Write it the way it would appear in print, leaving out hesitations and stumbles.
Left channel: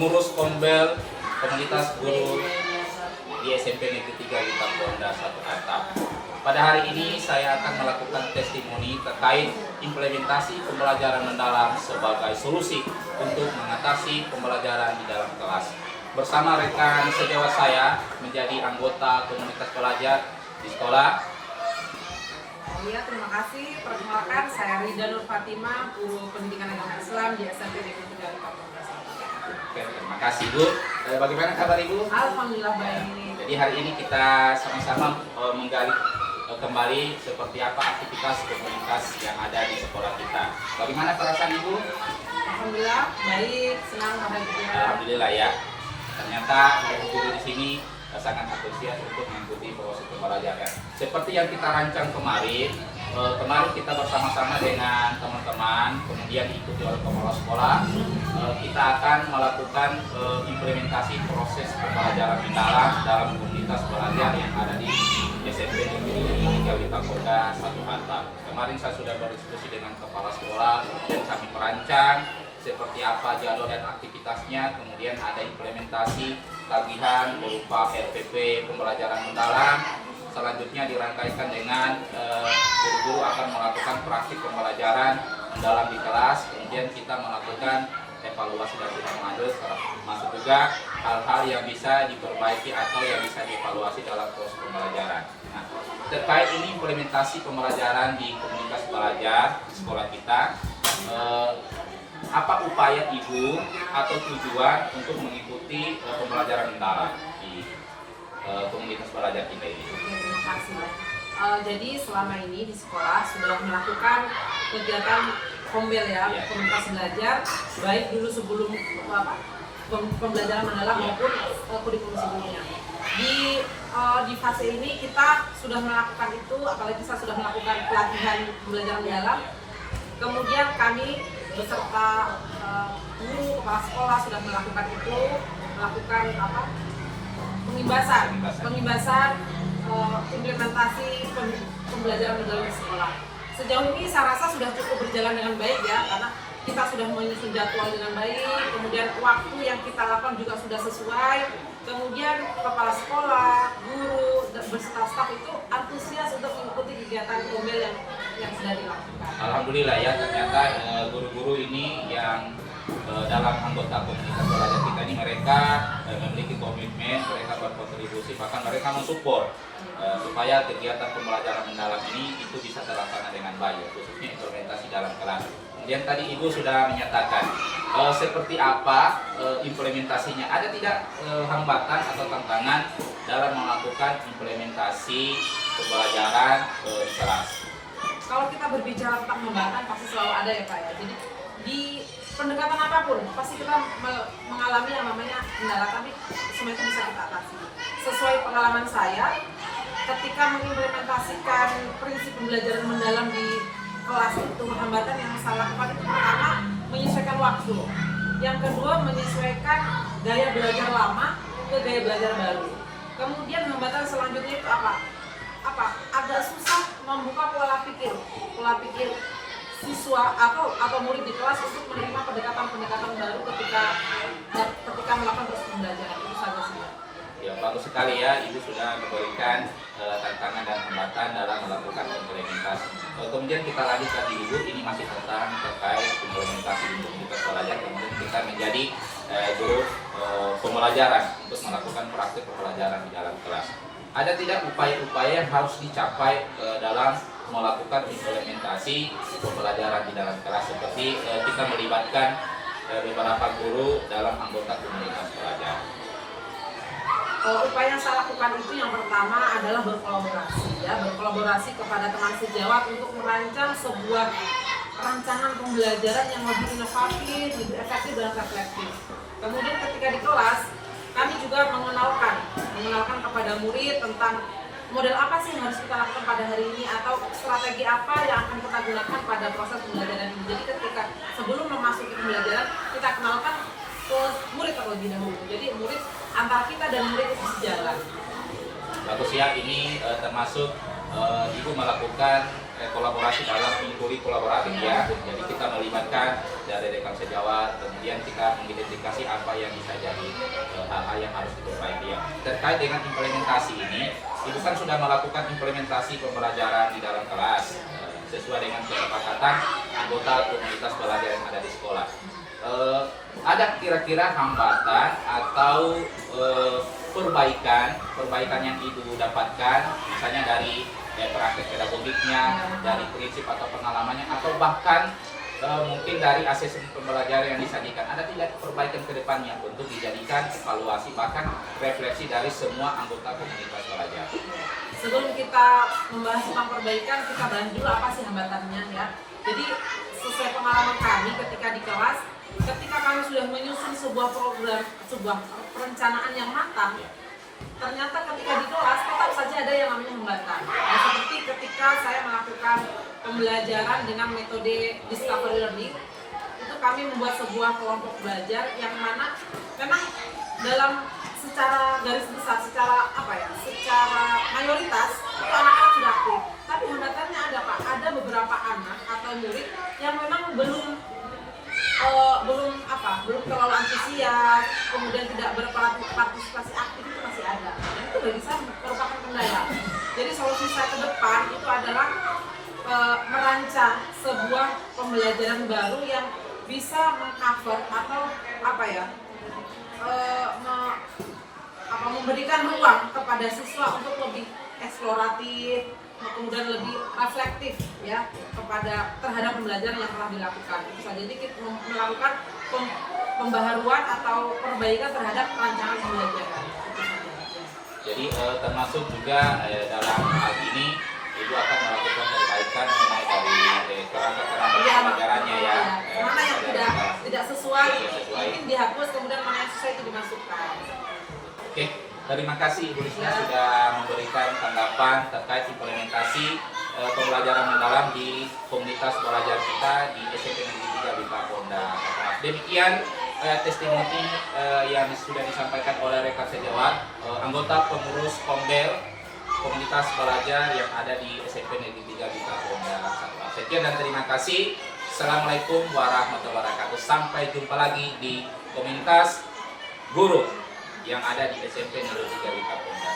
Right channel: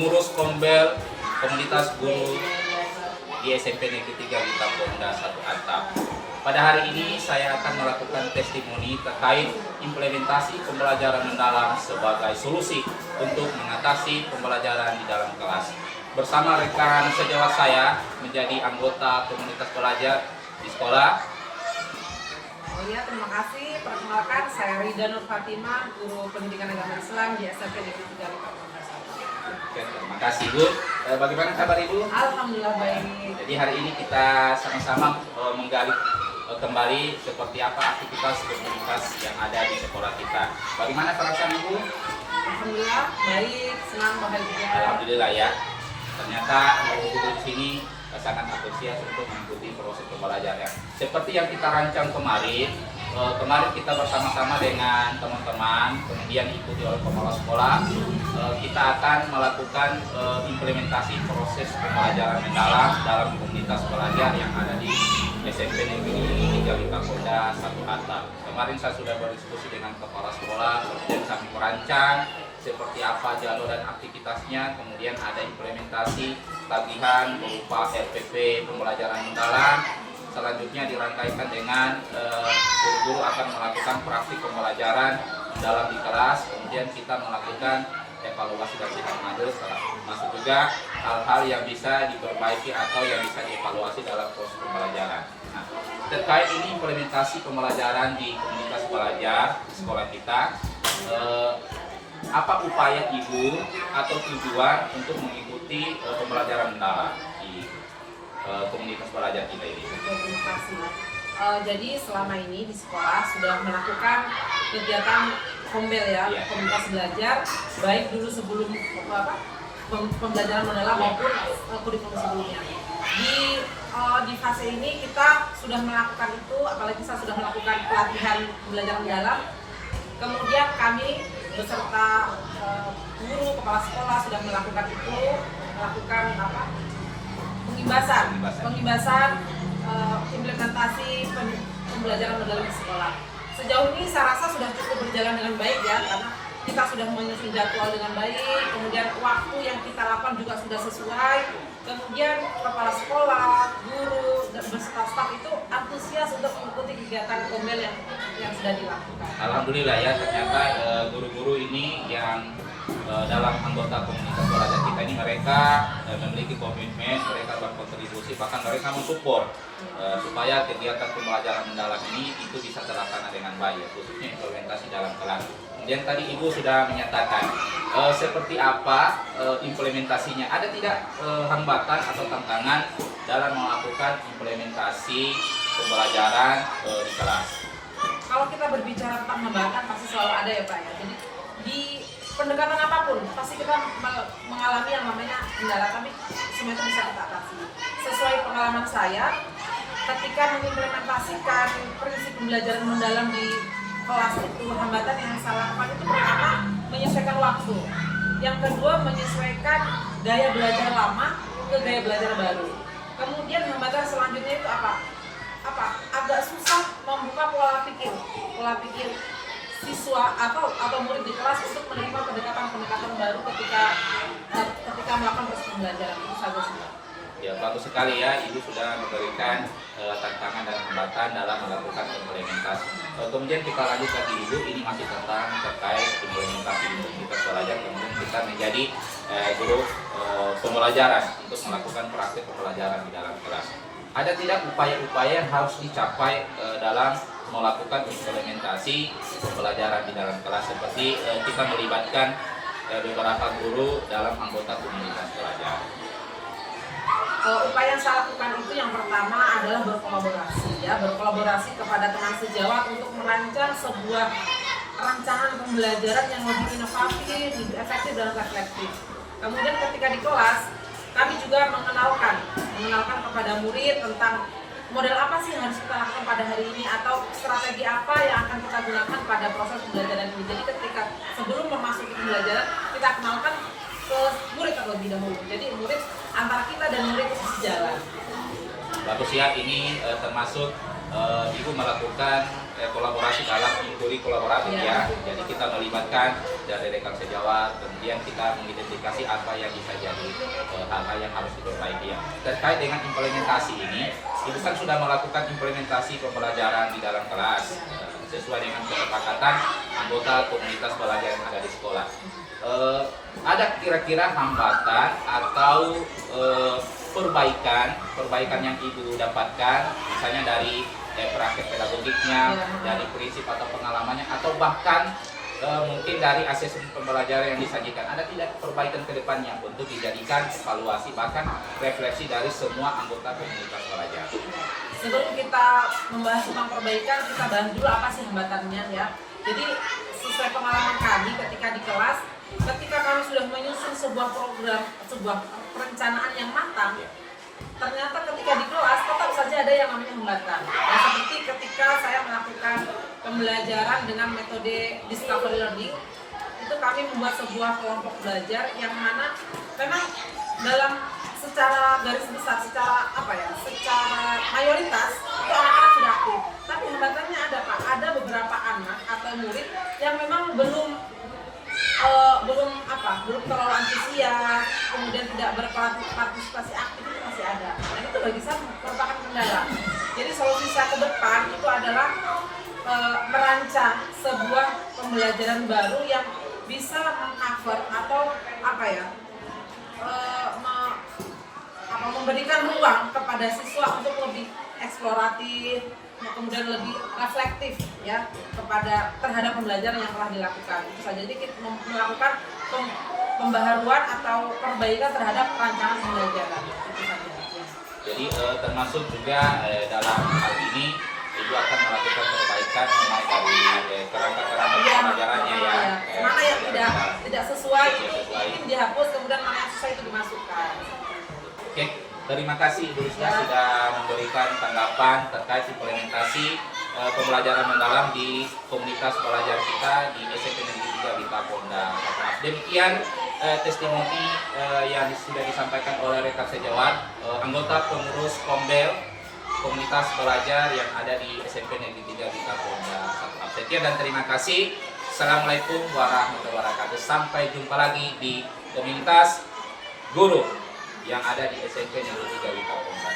pengurus Kombel Komunitas Guru di SMP Negeri 3 Bintang Ponda 1 Atap. Pada hari ini saya akan melakukan testimoni terkait implementasi pembelajaran mendalam sebagai solusi untuk mengatasi pembelajaran di dalam kelas. Bersama rekan sejawat saya menjadi anggota komunitas pelajar di sekolah. Iya, terima kasih. Perkenalkan, saya Rida Nur Fatimah, guru pendidikan agama Islam di SMP Negeri 3 Bintang Ponda 1. Oke, terima kasih Bu. Bagaimana kabar Ibu? Alhamdulillah baik. Jadi hari ini kita sama-sama menggali kembali seperti apa aktivitas komunitas yang ada di sekolah kita. Bagaimana perasaan Ibu? Alhamdulillah baik, senang, bahagia. Alhamdulillah ya. Ternyata guru di sini sangat antusias untuk mengikuti proses pembelajaran. Seperti yang kita rancang kemarin kita bersama-sama dengan teman-teman, kemudian diikuti oleh kepala sekolah, kita akan melakukan implementasi proses pembelajaran mendalam dalam komunitas pelajar yang ada di SMP Negeri 3 Bintang Ponda 1 Atap. Kemarin saya sudah berdiskusi dengan kepala sekolah, kemudian kami merancang seperti apa jalur dan aktivitasnya, kemudian ada implementasi tagihan berupa RPP pembelajaran mendalam. Selanjutnya dirangkaikan dengan guru-guru akan melakukan praktik pembelajaran mendalam di kelas, kemudian kita melakukan evaluasi dan sidang masuk juga hal-hal yang bisa diperbaiki atau yang bisa dievaluasi dalam proses pembelajaran. Nah, terkait ini implementasi pembelajaran di komunitas pelajar di sekolah kita, apa upaya Ibu atau tujuan untuk mengikuti pembelajaran mendalam di komunitas pelajar kita ini? Oke, terima kasih. Jadi selama ini di sekolah sudah melakukan kegiatan kombel ya, komunitas belajar, baik dulu sebelum pembelajaran mendalam maupun kurikulum sebelumnya. Di fase ini kita sudah melakukan itu, apalagi saya sudah melakukan pelatihan pembelajaran mendalam. Kemudian kami beserta guru, kepala sekolah sudah melakukan itu, melakukan pengimbasan implementasi pembelajaran mendalam di sekolah. Sejauh ini saya rasa sudah cukup berjalan dengan baik ya, karena kita sudah menyusun jadwal dengan baik, kemudian waktu yang kita lakukan juga sudah sesuai, kemudian kepala sekolah, guru, dan beserta staf itu antusias untuk mengikuti kegiatan kombel yang sudah dilakukan. Alhamdulillah ya, ternyata guru-guru ini yang dalam anggota komunitas pelajar kita ini mereka memiliki komitmen, mereka berkontribusi, bahkan mereka mensupport supaya kegiatan pembelajaran mendalam ini itu bisa terlaksana dengan baik, khususnya implementasi dalam kelas. Kemudian tadi Ibu sudah menyatakan seperti apa implementasinya. Ada tidak hambatan atau tantangan dalam melakukan implementasi pembelajaran di kelas? Kalau kita berbicara tentang hambatan pasti selalu ada ya Pak ya. Jadi di pendekatan apapun pasti kita mengalami yang namanya kendala, tapi semua itu bisa kita atasi. Sesuai pengalaman saya, ketika mengimplementasikan prinsip pembelajaran mendalam di kelas itu, hambatan yang saya lakukan itu pertama menyesuaikan waktu, yang kedua menyesuaikan gaya belajar lama ke gaya belajar baru. Kemudian hambatan selanjutnya itu agak susah membuka pola pikir siswa atau murid di kelas untuk menerima pendekatan baru ketika melakukan proses pembelajaran. Itu saja sih. Ya, bagus sekali ya, Ibu sudah memberikan tantangan dan hambatan dalam melakukan implementasi. Kemudian kita lanjut lagi Ibu, ini masih terkait implementasi di komunitas pelajar, kemudian kita menjadi guru pembelajaran untuk melakukan praktik pembelajaran di dalam kelas. Ada tidak upaya-upaya yang harus dicapai dalam melakukan implementasi pembelajaran di dalam kelas, seperti kita melibatkan beberapa guru dalam anggota komunitas pelajar? Upaya yang saya lakukan itu yang pertama adalah berkolaborasi kepada teman sejawat untuk merancang sebuah rancangan pembelajaran yang lebih inovatif, lebih efektif dan reflektif. Kemudian ketika di kelas kami juga mengenalkan kepada murid tentang model apa sih yang harus kita lakukan pada hari ini, atau strategi apa yang akan kita gunakan pada proses pembelajaran ini. Jadi ketika sebelum memasuki pembelajaran kita kenalkan ke murid terlebih dahulu. Jadi murid antara kita dan murid itu sejalan. Bagus ya, ini termasuk Ibu melakukan kolaborasi dalam inkuri kolaboratif ya. Jadi kita melibatkan dari rekan sejawat, kemudian kita mengidentifikasi apa yang bisa jadi hal-hal yang harus diperbaiki ya. Terkait dengan implementasi ini, Ibu kan sudah melakukan implementasi pembelajaran di dalam kelas sesuai dengan kesepakatan anggota komunitas belajar yang ada di sekolah. Ada kira-kira hambatan atau perbaikan yang Ibu dapatkan, misalnya dari praktek pedagogiknya, dari prinsip atau pengalamannya, atau bahkan mungkin dari asesmen pembelajaran yang disajikan. Ada tidak perbaikan ke depannya untuk dijadikan evaluasi bahkan refleksi dari semua anggota komunitas belajar? Sebelum kita membahas tentang perbaikan, kita bahas dulu apa sih hambatannya ya. Jadi sesuai pengalaman kami ketika di kelas, ketika kami sudah menyusun sebuah program, sebuah perencanaan yang matang, ternyata ketika di kelas tetap saja ada yang namanya hambatan. Ya, seperti ketika saya melakukan pembelajaran dengan metode discovery learning, itu kami membuat sebuah kelompok belajar yang mana memang dalam secara garis besar, secara mayoritas itu anak-anak sudah aktif. Tapi hambatannya ada Pak, ada beberapa anak atau murid yang memang belum terlalu antusias, kemudian tidak berpartisipasi aktif, itu masih ada. Dan itu bagi saya merupakan kendala. Jadi solusi saya ke depan itu adalah merancang sebuah pembelajaran baru yang bisa mengcover atau memberikan ruang kepada siswa untuk lebih eksploratif, kemudian lebih reflektif ya terhadap pembelajaran yang telah dilakukan. Itu saja. Jadi kita melakukan pembaharuan atau perbaikan terhadap rancangan pembelajaran. Itu saja. Ya. Jadi termasuk juga dalam hal ini Ibu akan melakukan perbaikan mulai dari kerangka-kerangka pembelajarannya ya. Mana yang tidak sesuai mungkin dihapus, kemudian mana yang sesuai itu dimasukkan. Oke, terima kasih Ibu Risma sudah memberikan tanggapan terkait implementasi pembelajaran mendalam di komunitas belajar kita di SMP Negeri 3 di Kapolda. Demikian testimoni yang sudah disampaikan oleh rekan sejawat anggota pengurus Kombel komunitas belajar yang ada di SMP Negeri 3 di Kapolda. Sekian dan terima kasih. Assalamualaikum warahmatullahi wabarakatuh. Sampai jumpa lagi di komunitas guru yang ada di SMP Negeri 3 di Kapolda.